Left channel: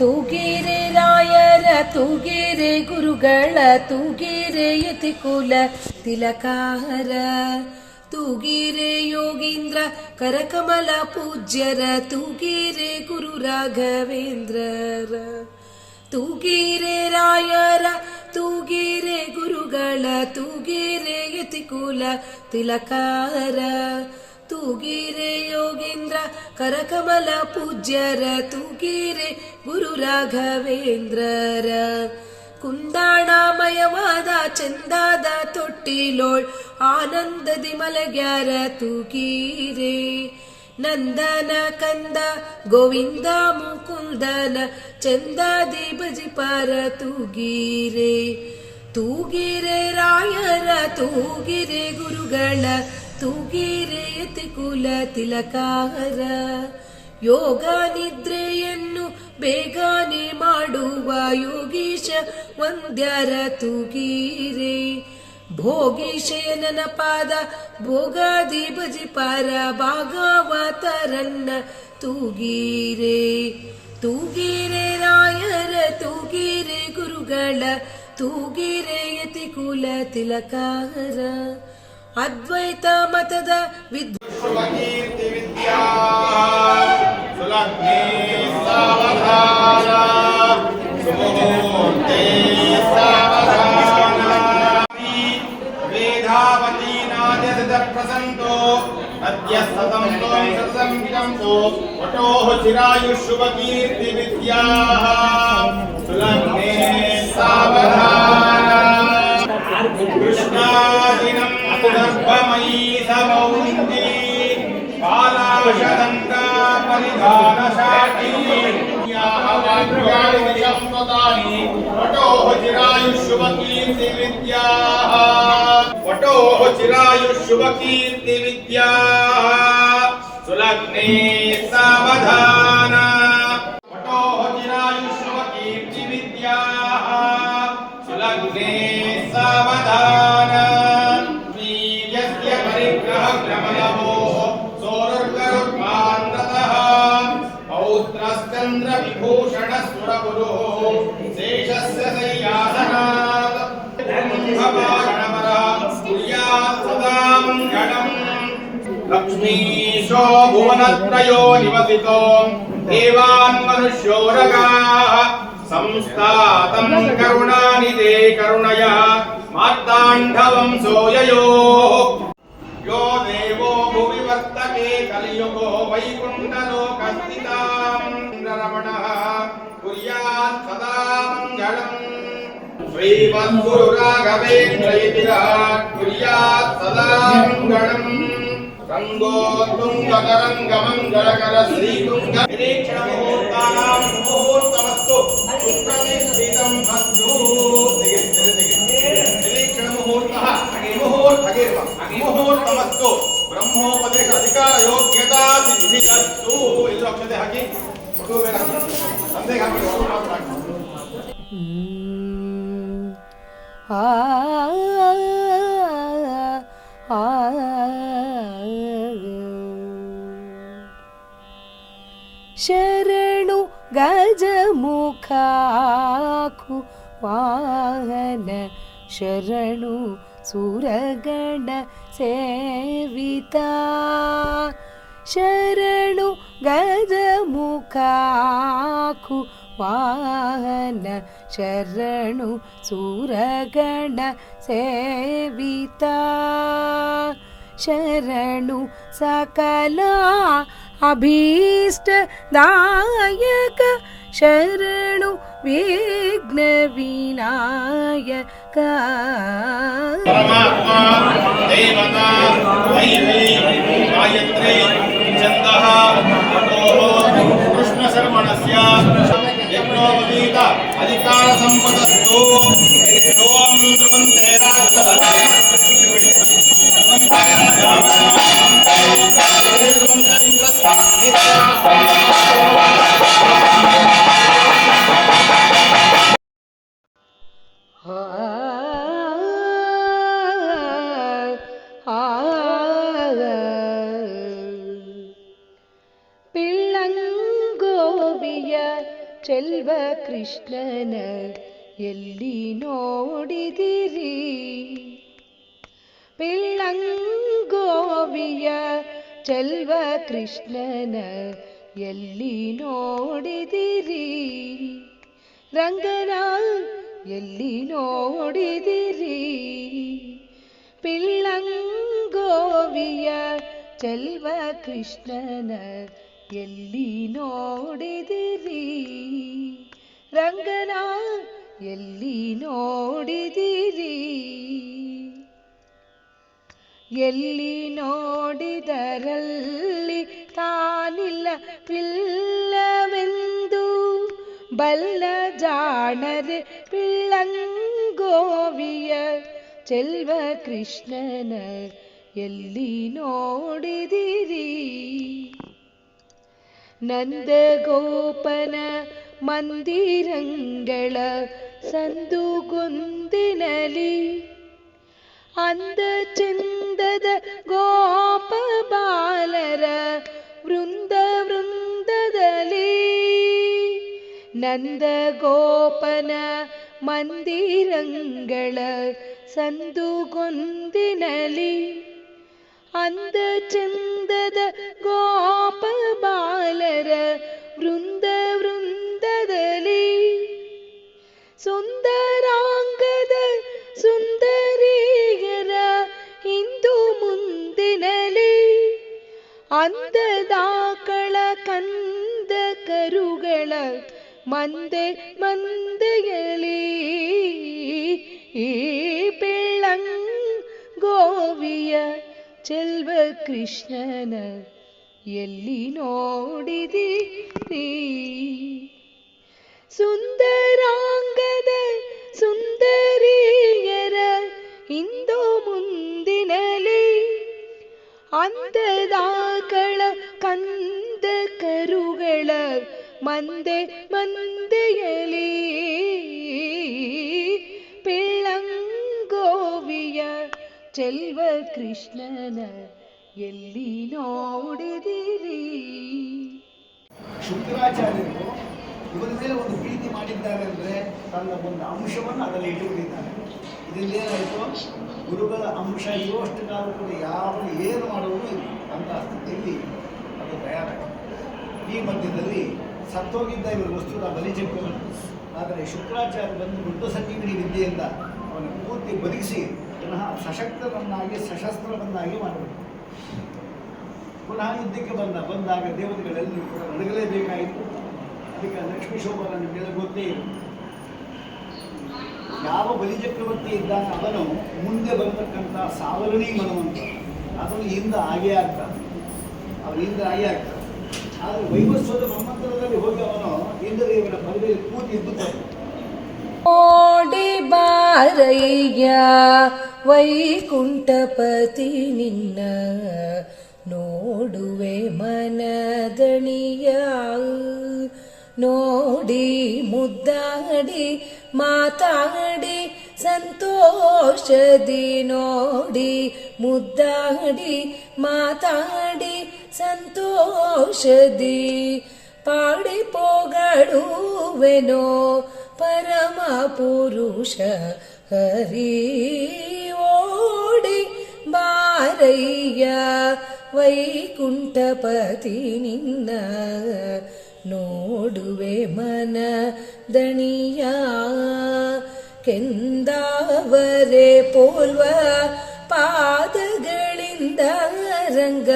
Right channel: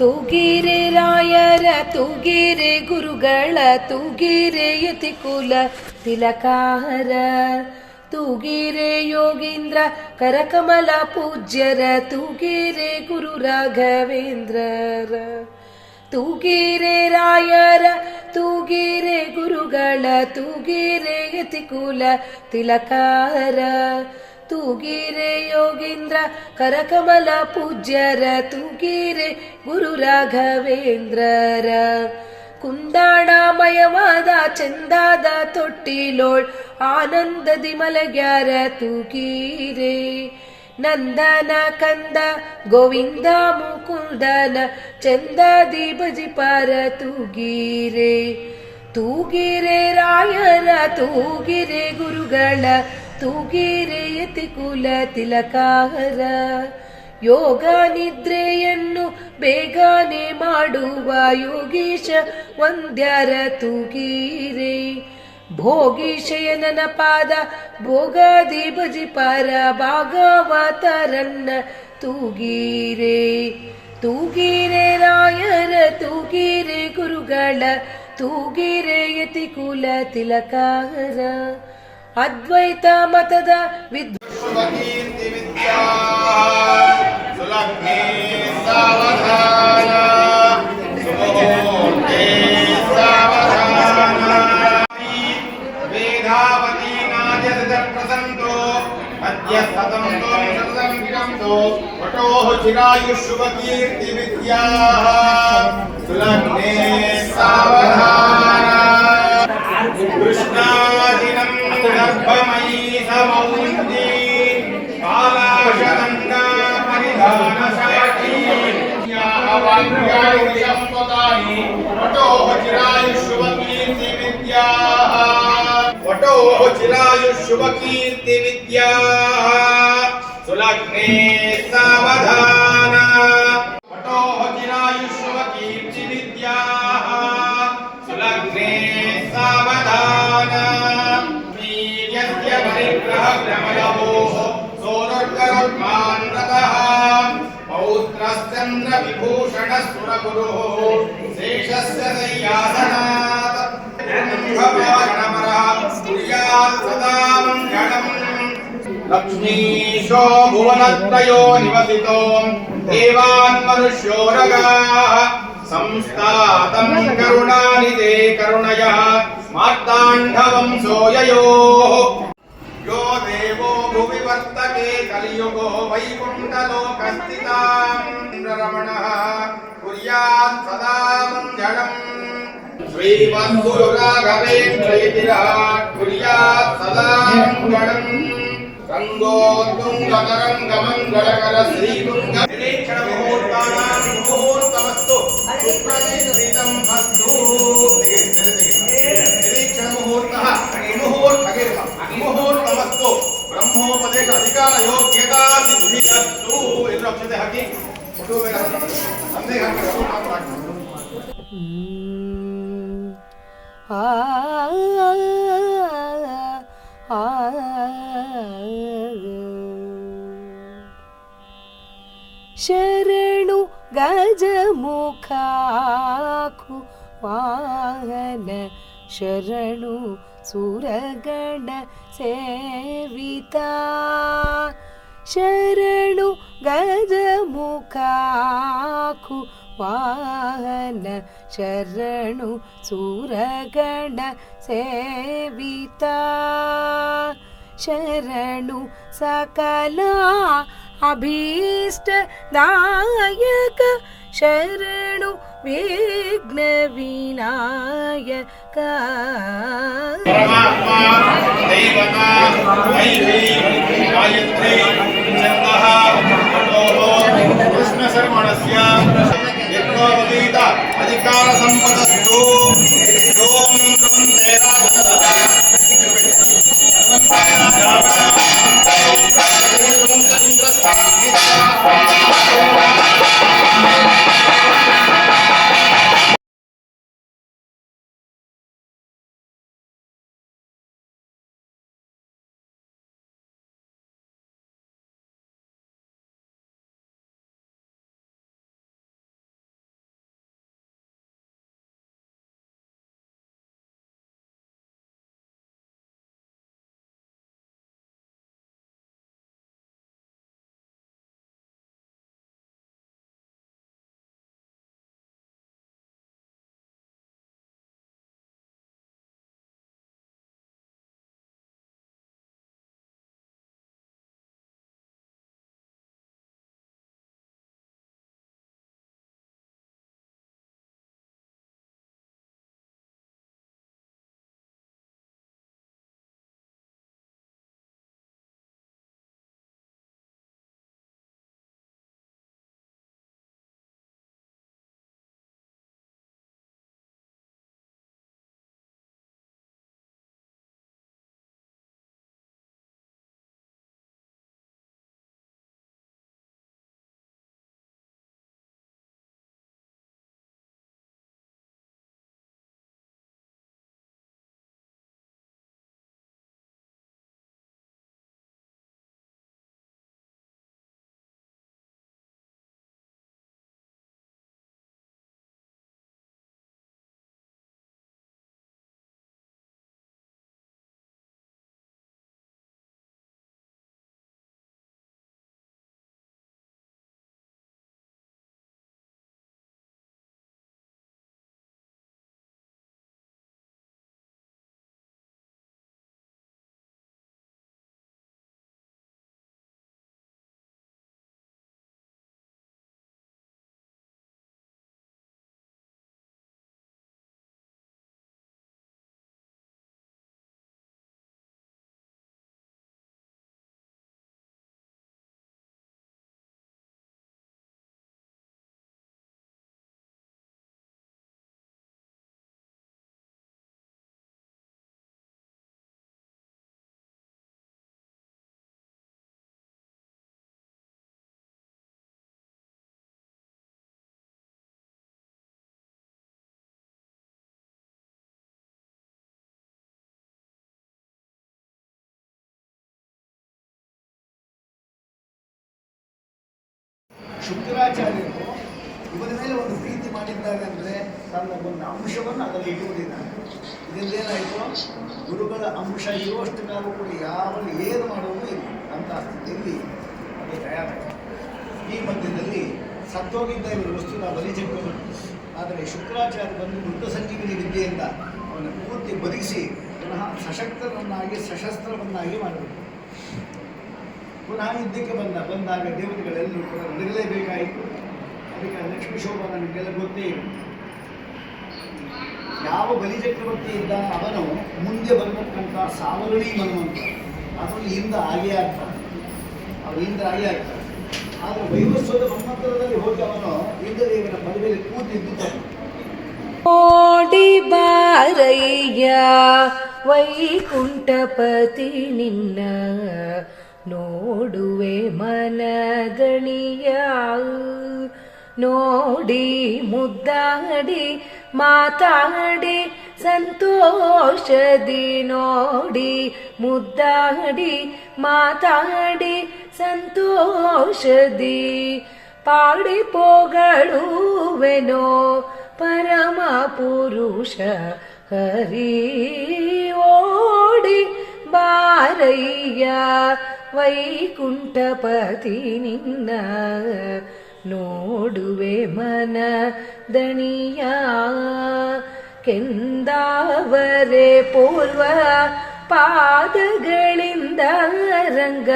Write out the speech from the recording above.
ತೂಗಿರೆ ರಾಯರ ತೂಗಿರೆ ಗುರುಗಳ ತೂಗಿರೆ ಯತಿಕುಲ ತಿಲಕಾರ ತೂಗಿರೆ ಯೋಗೀಂದ್ರ ಕರಕಮಲ ಪೂಜ್ಯರ ತೂಗಿರೆ ಗುರು ರಾಘವೇಂದ್ರರ ತೂಗಿರೆ ರಾಯರ ತೂಗಿರೆ ಗುರುಗಳ ತೂಗಿರೆ ಯತಿಕುಲ ತಿಲಕಾರ ತೂಗಿರೆ ಯೋಗೀಂದ್ರ ಕರಕಮಲ ಪೂಜ್ಯರ ತೂಗಿರೆ ಗುರು ರಾಘವೇಂದ್ರರ ಕುಂದಾಣಮಯವಾದ ಚಂದಾದ ತೊಟ್ಟಿಲೋಳ್ ಆನಂದದಿ ಮಲಗ್ಯಾರ ತೂಗಿರೆ ನಂದನ ಕಂದ ಗೋವಿಂದ ಮುಕುಂದನ ಚಂದದಿ ಭಜಿಪಾರ ತೂಗಿರೆ ತೂಗಿರೆ ರಾಯರ ತೂಗಿರೆ ಗುರುಗಳ ತೂಗಿರೆ ಯತಿಕುಲ ತಿಲಕಾರ ಯೋಗ ನಿದ್ರೆಯನ್ನು ಬೇಗನೆ ಮಾಡುವ ಯೋಗೀಶ ವಂದ್ಯರ ತೂಗಿರೆ ಭೋಗೀಶಯನನ ಪಾದ ಭೋಗದಿ ಭಜಿಪಾರ ಭಾಗವತರನ್ನ ತೂಗಿರೆ ತೂಗಿರೆ ರಾಯರ ತೂಗಿರೆ ಗುರುಗಳ ತೂಗಿರೆ ಯತಿಕುಲ ತಿಲಕಾರ ಅದ್ವೈತ ಮತದ ಪ್ರಸಂತೋ ಅದ್ಯ ಸತಂ ಸತಂ ವಿರಂತೋ ವಟೋಃ ಚಿರಾಯುಷ್ಯುವ ಕೀರ್ತಿ ವಿದ್ಯಾಃ ಸುಲಗ್ನೇ ಸಾವಧಾನ ಕೃಷ್ಣಾದಿನಂ ಗರ್ಭಮಯೀ ಸಮೌಂದಿ ಪಾಲಾಶದಂಗಾ ಪರಿಧಾನ ಶಾಖೀ ಯಾವಾನ್ಯಾಣಿ ಸಂಪದಾನಿ ವಟೋಃ ಚಿರಾಯುಷ್ಯುವ ಕೀರ್ತಿ ವಿದ್ಯಾಃ ವಟೋಃ ಚಿರಾಯುಷ್ಯುವ ಕೀರ್ತಿ ವಿದ್ಯಾಃ ಸುಲಗ್ನೇ ಸಾವಧಾನ ವಟೋಃ ಚಿರಾಯುಷ್ಯುವ ಕೀರ್ತಿ ವಿದ್ಯಾಃ ಸುಲಗ್ನೇ ಸಾವಧಾನ ವೀರ್ಯಸ್ಯ ಪರಿಗ್ರಹ ಭ್ರಮಯೋ ಸೋರುರ್ಗರುಡ್ಮಾನ್ರತಃ ಪೌತ್ರಶ್ಚಂದ್ರ ವಿಭೂಷಣ ಸುರಗುರುಃ ಶೇಷಸ್ಯ ಸಯ್ಯಾಸನಾತ್ ಸದಾ ಮಂಗಳಂ ಲಕ್ಷ್ಮೀಶೋ ಭುವನತ್ರಯೋ ನಿವಸಿತೋ ದೇವಾನ್ ಮನುಷ್ಯೋರಗಾಃ ಸಂಸ್ಥಾತಂ ಕರುಣಾನಿಧೇ ಕರುಣಯಃ ಮಾರ್ತಾಂಢವಂಶೋ ಯಯೋಃ ಯೋ ದೇವೋ ಭುವಿ ವರ್ತಕೆ ಕಲಿಯುಗೋ ವೈಕುಂಠಲೋಕಸ್ಥಿತಾಂ ರಮಣಃ ಕುರ್ಯಾತ್ ಸದಾ ಮಂಗಳಂ ಶ್ರೀಮದ್ಗುರು ರಾಘವೇಂದ್ರ ಯತಿರಾಟ್ ಕುರ್ಯಾತ್ ಸದಾ ಮಂಗಳಂ ರಂಗೋತ್ತುಂಗತರಂಗ ಮಂಗಳಕರ ಶ್ರೀತುಂಗ ನಿರೀಕ್ಷಣ ಮುಹೂರ್ತಾನಾಂ ಮುಹೂರ್ತಮಸ್ತು ಸುಪ್ರತಿಷ್ಠಿತಂ ಅಸ್ತು ನಿರೀಕ್ಷಣ ಮುಹೂರ್ತಃ ಮುಹೂರ್ತಮಸ್ತು ಬ್ರಹ್ಮೋಪದೇಶ ಅಧಿಕಾರ ಯೋಗ್ಯತಾ ಸಿದ್ಧಿರಸ್ತು ಎಲ್ಲರೂ ಅಕ್ಷತೆ ಹಾಕಿ ಫೋಟೋ ಮೇಲೆ ಹಾಕಿ ತಂದೆಗೆ ಹಾಕಿ ಮಾತ್ರ ಹಾಕಿ ಶರಣು ಗಜಮುಖಾಕು ವಾಹನ ಶರಣು ಸುರಗಣ ಸೇವಿತ ಶರಣು ಗಜಮುಖಾಕು ವಾಹನ ಶರಣು ಸುರಗಣ ಸೇವಿತ ಶರಣು ಸಕಲ ಅಭೀಷ್ಟದಾಯಕ ಶರಣು ವಿಘ್ನ ವಿನಾಯಕ ದೇವತಾ ವೈವೈ ಗಾಯತ್ರಿ ಛಂದಃ ಕೃಷ್ಣ ಶರ್ಮಣಸ್ಯ ಯಜ್ಞೋಪವೀತ ಅಧಿಕಾರ ಸಂಪದಸ್ತು ಓಂ ಧ್ರುವಂತೆ ಪಿಳ್ಳಂಗೋವಿಯ ಚೆಲ್ವ ಕೃಷ್ಣನ ಎಲ್ಲಿ ನೋಡಿದಿರಿ? ಪಿಳ್ಳಂಗೋವಿಯ ಚೆಲ್ವ ಕೃಷ್ಣನ ಎಲ್ಲಿ ನೋಡಿದಿರಿ? ರಂಗನ ಎಲ್ಲಿ ನೋಡಿದಿರಿ? ಪಿಳ್ಳಂಗೋವಿಯ ಚೆಲ್ವ ಕೃಷ್ಣನ ಎಲ್ಲಿ ನೋಡಿದಿರಿ? ರಂಗನ ಎಲ್ಲಿ ನೋಡಿದಿರಿ? ಎಲ್ಲಿ ನೋಡಿದರಲ್ಲಿ ತಾನಿಲ್ಲವಿಲ್ಲವೆಂದು ಬಲ್ಲ ಜಾಣರೆ ಪಿಳ್ಳಂಗೋವಿಯ ಚೆಲ್ವ ಕೃಷ್ಣನ ಎಲ್ಲಿ ನೋಡಿದಿರಿ? ನಂದಗೋಪನ ಮಂದಿರಂಗಳ ಸಂದುಗೊಂದಿನಲಿ ಅಂದ ಚಂದದ ಗೋಪ ಬಾಲರ ವೃಂದ ವೃಂದದಲ್ಲಿ. ನಂದಗೋಪನ ಮಂದಿರಂಗಳ ಸಂದುಗೊಂದಿನಲಿ ಅಂದ ಚಂದದ ಗೋಪ ಬಾಲರ ವೃಂದ ವೃಂದದಲ್ಲಿ. ಸುಂದರಾಂಗದ ಸುಂದರಿಯರ ಹಿಂದು ಮುಂದಿನಲಿ ಅಂದದಾಕಳ ಕಂದ ಕರುಗಳ ಮಂದೆ ಮಂದೆಯಲಿ. ಈ ಪಿಳ್ಳಂಗೋವಿಯ ಚೆಲ್ವ ಕೃಷ್ಣನ ಎಲ್ಲಿ ನೋಡಿದಿರಿ? ಸುಂದರಾಂಗದ ಸುಂದರಿಯರ ಹಿಂದು ಮುಂದಿನಲಿ ಅಂದದಾಕಳ ಕಂದ ಕರುಗಳ ಮಂದೆ ಮಂದೆಯಲಿ. ಪಿಳ್ಳಂಗೋವಿಯ ಚೆಲ್ವ ಕೃಷ್ಣನ ಎಲ್ಲಿ ನೋಡಿದಿರಿ? ಶುಕ್ರಾಚಾರ್ಯರು ಇವರ ಮೇಲೆ ಒಂದು ಪ್ರೀತಿ ಮಾಡಿದ್ದಾರೆ ಅಂದರೆ ತನ್ನ ಒಂದು ಅಂಶವನ್ನು ಅದರಲ್ಲಿ ಇಟ್ಟುಕೊಂಡಿದ್ದಾರೆ. ಇದರಿಂದ ಏನಾಯಿತು, ಗುರುಗಳ ಅಂಶ ಇರುವಷ್ಟು ಕಾಲ ಕೂಡ ಯಾವ ಏನು ಮಾಡೋದು ಇಲ್ಲ ಅಂತ ಸ್ಥಿತಿಯಲ್ಲಿ ಅದು ತಯಾರಾಯಿತು. ಈ ಮಧ್ಯದಲ್ಲಿ ಸತ್ತೋಗಿದ್ದ ಇವರು ವಸ್ತುನ ಬಲಿಜೆಕ್ಕನು. ಆದರೆ ಶುಕ್ರಾಚಾರ್ಯ ಬಂದು ಮೃತ ಸಂಜೀವಿನಿ ವಿದ್ಯೆಯಿಂದ ಅವನ ಪೂರ್ತಿ ಬದುಕಿಸಿ ಪುನಃ ಸಶಕ್ತರನ್ನಾಗಿ ಸಶಸ್ತ್ರವನ್ನಾಗಿ ಮಾಡಬೇಕು. ಪುನಃ ಯುದ್ಧಕ್ಕೆ ಬಂದಾಗ ದೇವತೆಗಳೆಲ್ಲಿ ನಡಗಲೇಬೇಕಾಯಿತು. ಅದಕ್ಕೆ ಲಕ್ಷ್ಮೀ ಶೋಭನ ನಿಮಗೆಲ್ಲ ಗೊತ್ತೇ ಇದೆ. ಯಾವ ಬಲಿಚಕ್ರವರ್ತಿ ಇದ್ದಾನೆ ಅವನು ಮುಂದೆ ಬರತಕ್ಕಂಥ ಸಾವರಣಿ ಮನುವಂತ ಅದರಲ್ಲಿ ಹಿಂದೆ ಆಗೇ ಆಗ್ತಾನೆ, ಅವನು ಹಿಂದೆ ಆಗೇ ಆಗ್ತಾನೆ. ಆದರೆ ವೈವಸ್ವತ ಮನ್ವಂತರದಲ್ಲಿ ಹೋಗಿ ಅವನು ಇಂದ್ರದೇವನ ಪದವಿಯಲ್ಲಿ ಕೂತಿದ್ದುತ್ತಾನೆ. ಓಡಿ ಬಾರಯ್ಯ ವೈಕುಂಠಪತಿ ನಿನ್ನ ನೋಡುವೆ ಮನದಣಿಯ. ನೋಡಿ ಮುದ್ದಾಡಿ ಮಾತಾಡಿ ಸಂತೋಷದಿ, ನೋಡಿ ಮುದ್ದಾಡಿ ಮಾತಾಡಿ ಸಂತೋಷದಿ, ಪಾಡಿ ಪೋಗಳುವೆನೋ ಪರಮ ಪುರುಷ ಹರಿ. ಓಡಿ ಬಾರಯ್ಯ ವೈಕುಂಠಪತಿ ನಿನ್ನ ನೋಡುವೆ ಮನ ದಣಿಯ. ಕೆಂದಾವರೆ ಪೂರ್ವ ಪಾದಗಳಿಂದ ರಂಗ